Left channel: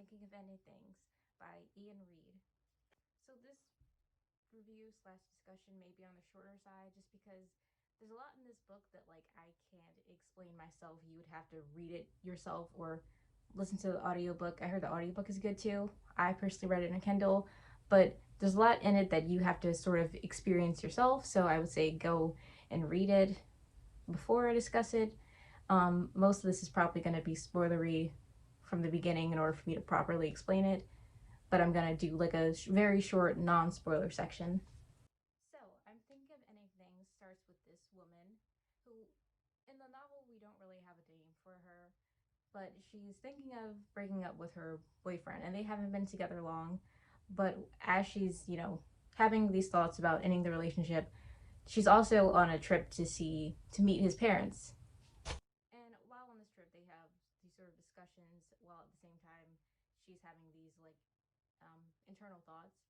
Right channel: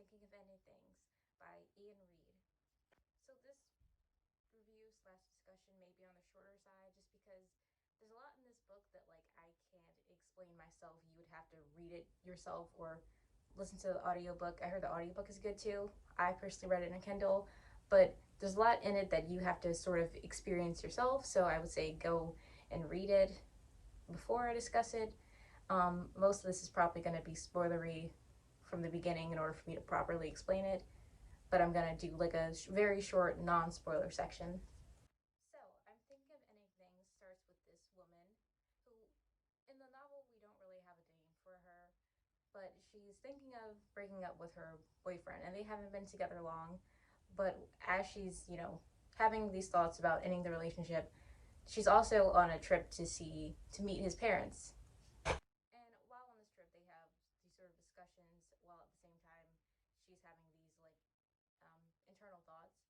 Thinking of Ending Things by Ian Reid. So this review slash discussion may be on the shorter side just because there's a lot in this book that I can't explain myself. You would have to read it yourself or listen to the audiobook. I heard the audiobook is good too. I personally read it in a Kindle, but there's a lot in it that you have to sort of experience yourself. So I would say go and read it before I discuss it. Most of this is probably going to be spoilery from the beginning in order for me to properly explain it, but I'm going to do like a very short non-spoiler section. So, I'm Thinking of Ending Things starts with this woman who, in the novel, we don't really have a name for her, but she's thinking of breaking up with her boyfriend, and they haven't been together long. But as she's, having these thoughts about ending the relationship, she's also on a trip to meet his parents. And while on this trip, they have these sort of discussions while at the same time she's having these internal thoughts.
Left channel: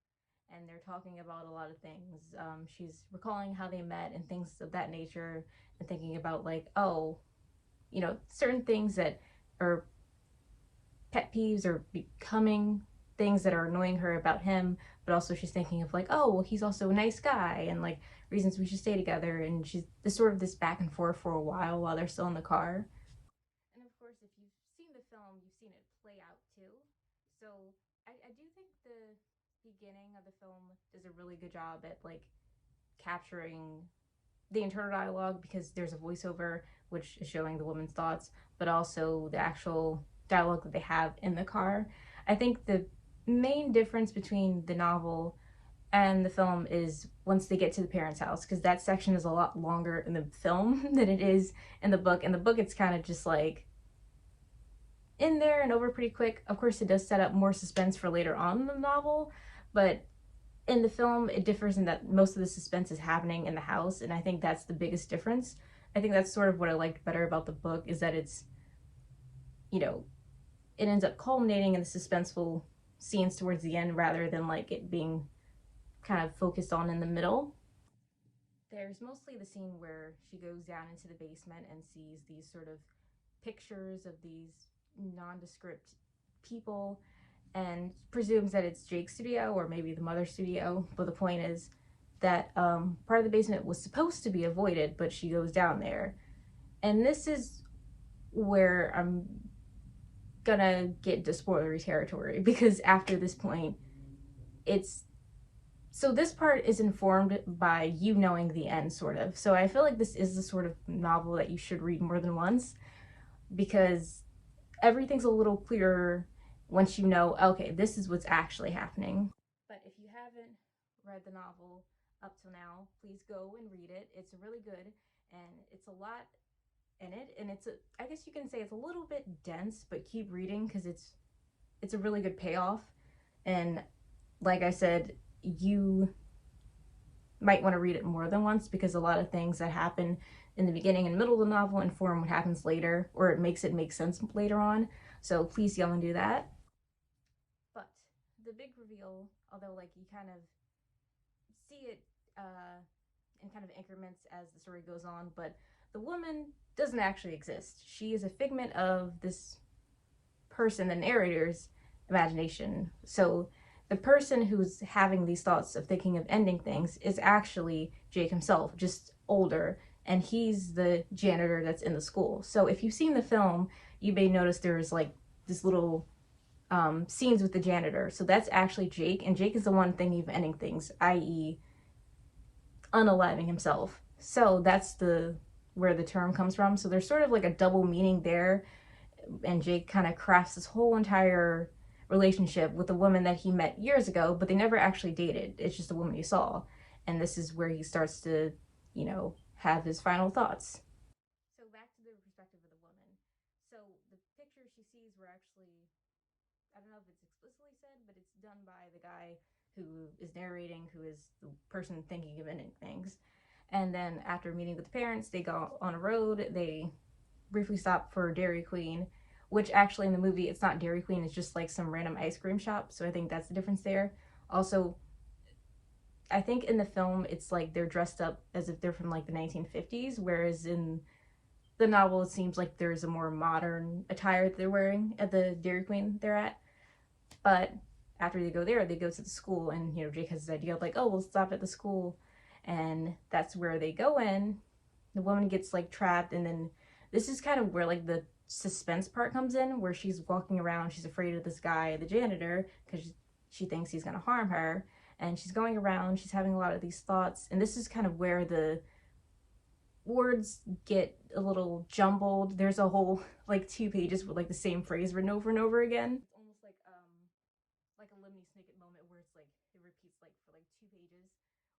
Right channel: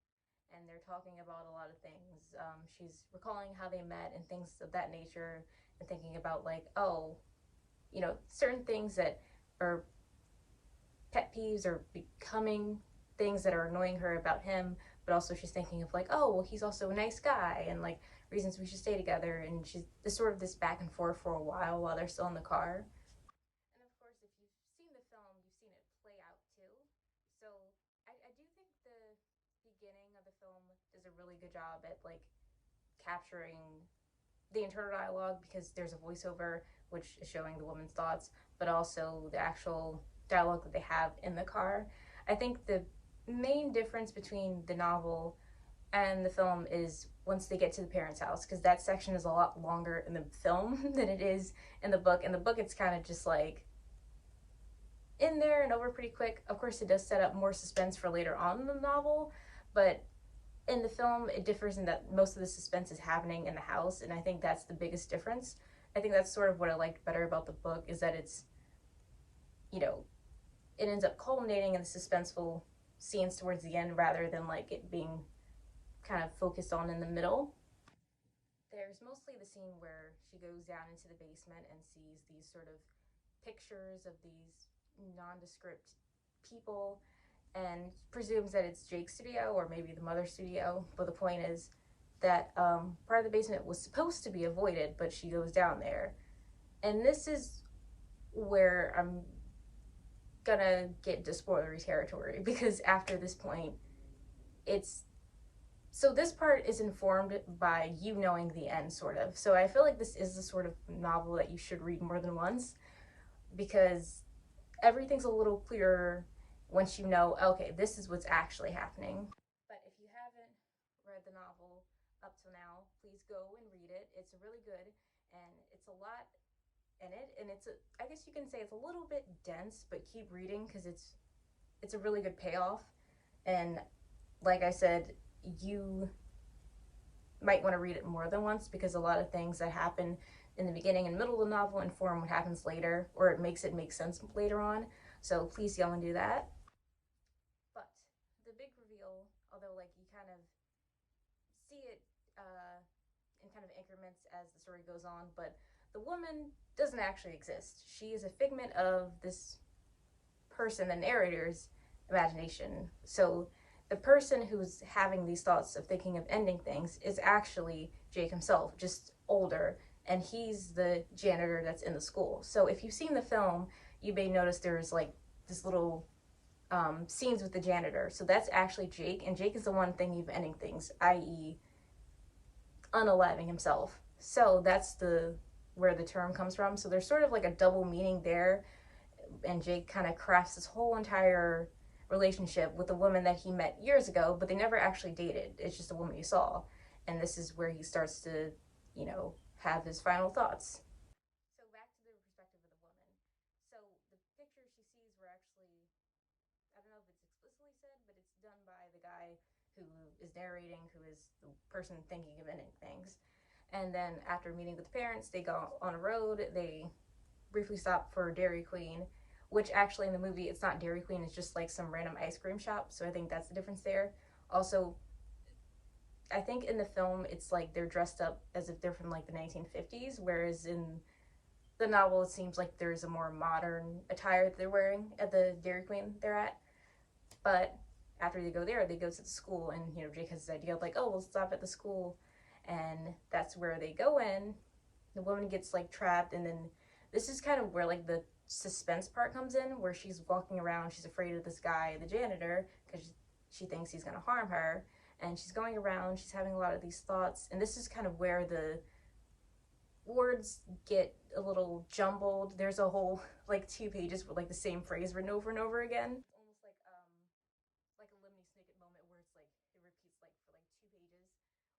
And they're talking about a lot of things. She's recalling how they met and things of that nature, and thinking about oh, certain things that are pet peeves or becoming things that are annoying her about him. But also she's thinking of oh, well, he's also a nice guy, and reasons we should stay together. And she's this sort of this back and forth for a while they're still in the car. And of course, if you've seen the film, you've seen it play out too. So I do think the beginning of the film does a really good job at capturing the internal dialogue, because there's a voiceover which is showing the woman's thoughts, but also the actual dialogue that they have in the car. I think the main difference between the novel and the film is once they get to the parents' house, because that section is a lot longer in the film than it is in the book. In the book, it's kind of just in there and over pretty quick. Of course, it does set up more suspense for later on in the novel, but in the film, it differs in that most of the suspense is happening in the house, and I think that's the biggest difference. I think that's sort of what I liked better about the book, is that it's, it ends up culminating in the suspenseful scenes towards the end rather than it being kind of focused on in the middle. There's mostly the scene where she goes down into the basement and sees these sort of pictures of these nondescript people and presumes that it's Jake's studio or maybe the mother's studio. But the point is that part of the basement was supposed to be avoided, but she goes down there. And this is where I'm gonna get into spoilery territory, because after this point, it's so this part is informed by you knowing the end, sort of. So I feel like this is the sort of novel that you should read more than once, because everything's a little clearer once you know, okay, this is what's actually happening. But if you haven't read the novel up till now, please go and read it. It's really good, and it's a lot in it, and I guess you can say it's a little bit dense, but keep reading because it's a really good payoff. And like I said, you might want to read it more than once, because a lot of things that happen in the beginning and middle of the novel inform what happens later, or it makes it make sense later on. So please go and do that. But the big reveal, although you kind of see it in kind of increments as the story goes on, but the woman doesn't actually exist. She is a figment of this person, the narrator's imagination. So the person who's having these thoughts of thinking of ending things is actually Jake himself, just older, and he's the janitor that's in the school. So if you've seen the film, you may notice there's this little scenes with the janitor. So that's actually Jake, and Jake is the one thinking of ending things, i.e., unaliving himself. So that's the where the term comes from. So there's sort of a double meaning there, and Jake kind of crafts this whole entire relationship with a woman that he met years ago, but they never actually dated. It's just a woman he saw. And this is where he starts to, have his final thoughts. So back to the perspective of the woman. So the pictures she sees were actually, I don't know if it's explicitly said, but it's done by the guy who is narrating, who is the person thinking of ending things. And then after meeting with the parents, they go on a road. They briefly stop for Dairy Queen, which actually in the movie, it's not Dairy Queen, it's just some random ice cream shop. So I think that's the difference there. Also, I think in the film, it's they're dressed up as if they're from the 1950s, whereas in the novel, it seems like there's a more modern attire that they're wearing at the Dairy Queen they're at. But after they go there, they go to the school, and you know, Jake has this idea of like, oh, we'll stop at the school, and that's where they go in. The woman gets like trapped, and then this is kind of where like the suspense part comes in, where she's walking around, she's afraid of this guy, the janitor, because she thinks he's gonna harm her, and she's going around, she's having a lot of these thoughts, and this is kind of where the words get a little jumbled. There's a whole like 2 pages with like the same phrase written over and over again. It's almost like a Lemony Snicket moment where it's like it repeats like for like 2 pages,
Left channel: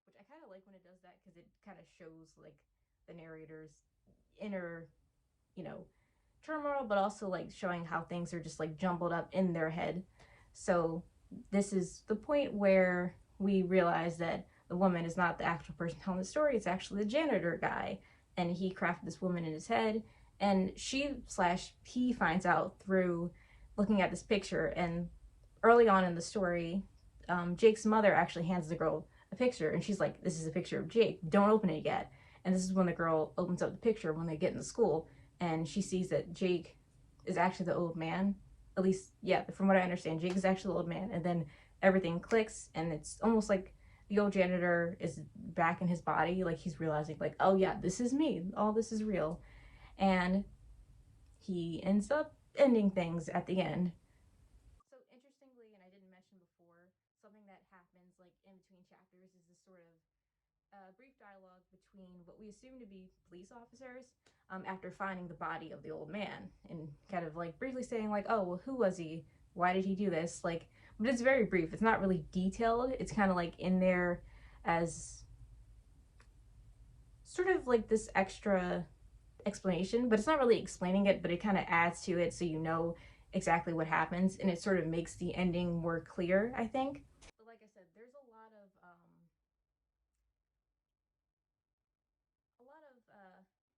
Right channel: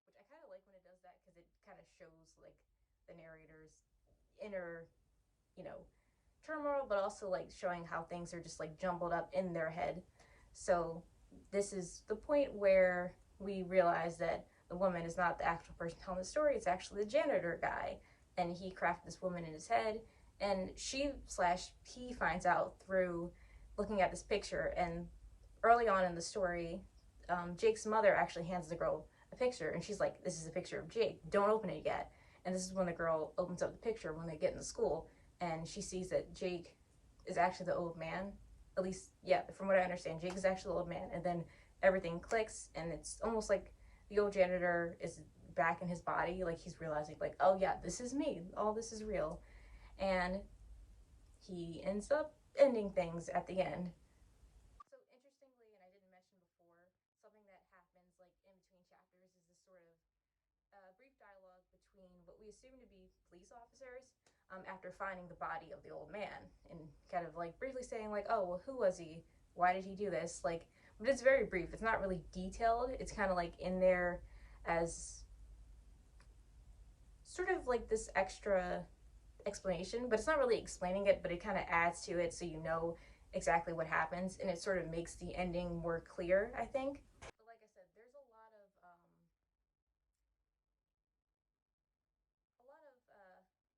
which I kind of like when it does that because it kind of shows like the narrator's inner, you know, turmoil, but also like showing how things are just like jumbled up in their head. So this is the point where we realize that the woman is not the actual person telling the story, it's actually the janitor guy, and he crafted this woman in his head, and he finds out through looking at this picture. And early on in the story, Jake's mother actually hands the girl a picture, and she's like, this is a picture of Jake, don't open it yet. And this is when the girl opens up the picture when they get into school, and she sees that Jake is actually the old man. At least, yeah, from what I understand, Jake is actually the old man. And then everything clicks, and it's almost like the old janitor is back in his body. Like he's realizing, like, oh yeah, this is me. All this is real. And he ends up ending things at the end. So interestingly, and I didn't mention before, something that happens like in between chapters is this sort of brief dialogue between what we assume to be police officers after finding the body of the old man, and kind of like briefly saying like, oh, well, who was he? Why did he do this? Like, but it's very brief. It's not really detailed. It's kind of like in there as sort of like this extra explanation, but it's not really explaining it, but it kind of adds to it so you know exactly what happens, and it sort of makes the ending more clear, I think. But like I said, there's a lot of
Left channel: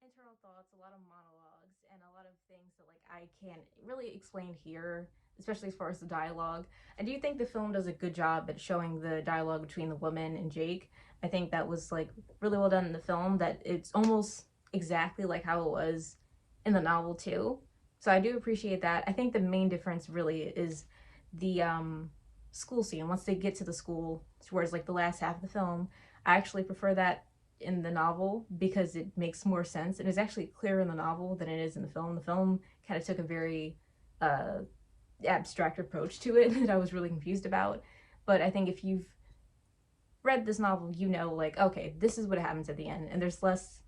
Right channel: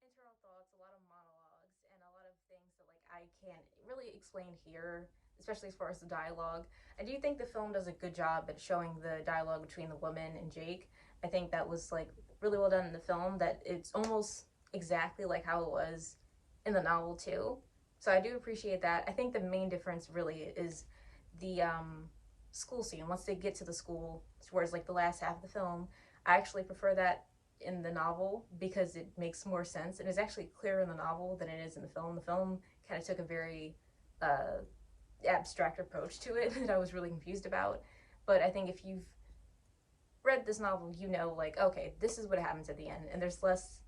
internal thoughts, a lot of monologues, and a lot of things that like I can't really explain here, especially as far as the dialogue. I do think the film does a good job at showing the dialogue between the woman and Jake. I think that was like really well done in the film, that it's almost exactly like how it was in the novel too. So I do appreciate that. I think the main difference really is the school scene. Once they get to the school, towards like the last half of the film, I actually prefer that in the novel because it makes more sense. It is actually clearer in the novel than it is in the film. The film kind of took a very uh, abstract approach to it that I was really confused about. But I think if you've read this novel, you know, like, okay, this is what happens at the end, and there's less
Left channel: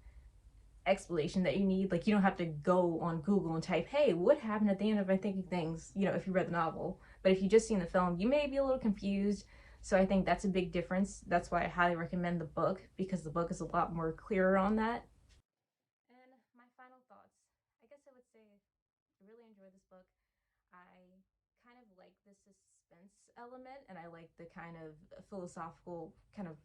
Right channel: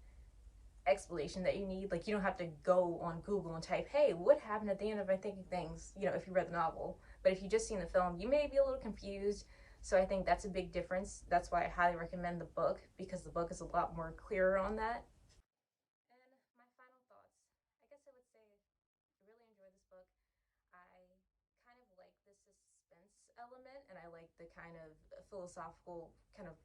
explanation that you need. Like, you don't have to go on Google and type, hey, what happened at the end of My Thinking Things, you know, if you read the novel. But if you just seen the film, you may be a little confused. So I think that's a big difference. That's why I highly recommend the book, because the book is a lot more clearer on that. And my final thoughts, I guess I would say I really enjoyed this book. I kind of like the suspense element, and I like the kind of philosophical kind of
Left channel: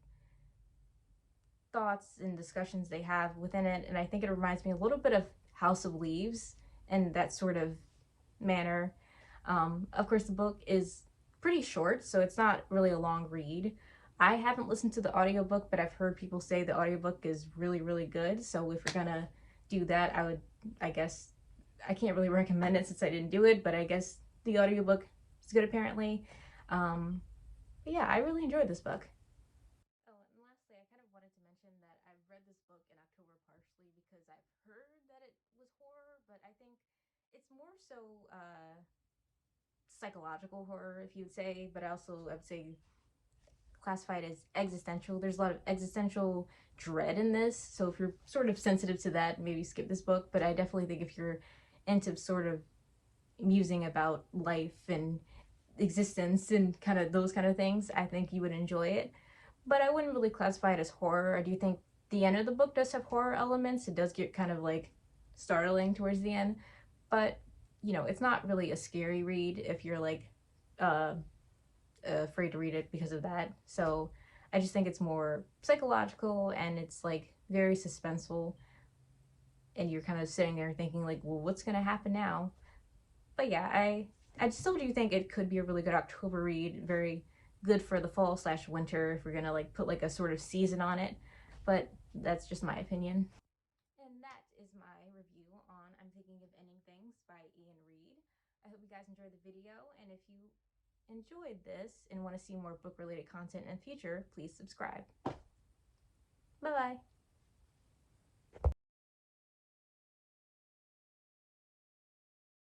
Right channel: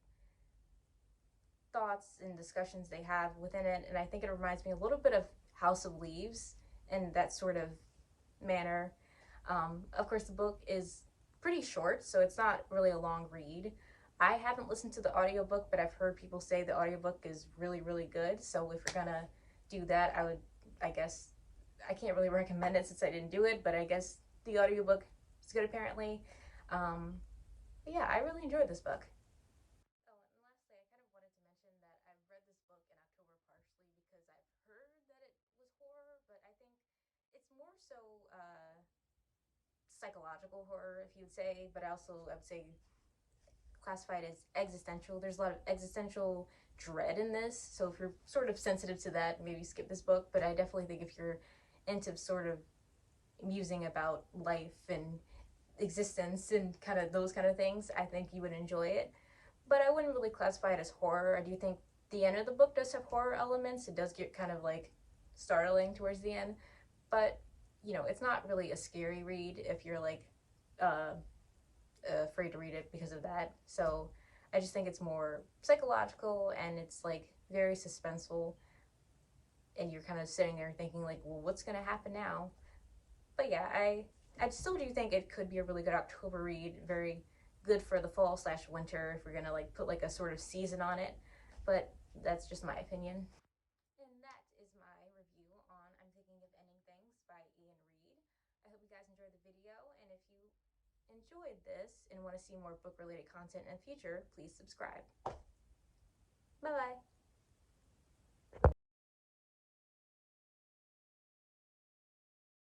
thoughts and discussions they have within it. And I think it reminds me a little bit of House of Leaves in that sort of manner. Of course, the book is pretty short, so it's not really a long read. I haven't listened to the audiobook, but I've heard people say the audiobook is really, really good. So if you're gonna do that, I guess, I can't really recommend it since I didn't do it, but I guess the audiobook is good apparently. But yeah, I really enjoyed this book. Oh, and lastly, I kind of wanted to mention that I've read this book in October partially because I've heard that it was horror, but I think it's more so psychological horror, if you would say, but I would say classified as existential. There's a lot of existential dread in this, so if you're sort of sensitive to that, maybe skip this book. But I definitely think if you're into sort of musing about life and existence and kind of those kind of things, I think you would enjoy it. But I wouldn't really classify it as horror. I do think the end of the book does have horror elements. It does get kind of like startling towards the end, but you know, it's not really a scary read if you're like uh, afraid to read it because of that. So I just think it's more psychological, and it's like very suspenseful, and you're kind of sitting there thinking like, well, what's gonna happen now? But yeah, I still do think it could be a really good October read, very good for the fall slash winter if we're gonna like put like a sort of season on it. But that's just my opinion. And that is my review on I'm Thinking of Ending Things by Ian Reid. I hope you guys enjoyed the video, and if you enjoyed this and want to see more book related content in the future, please subscribe. Bye bye.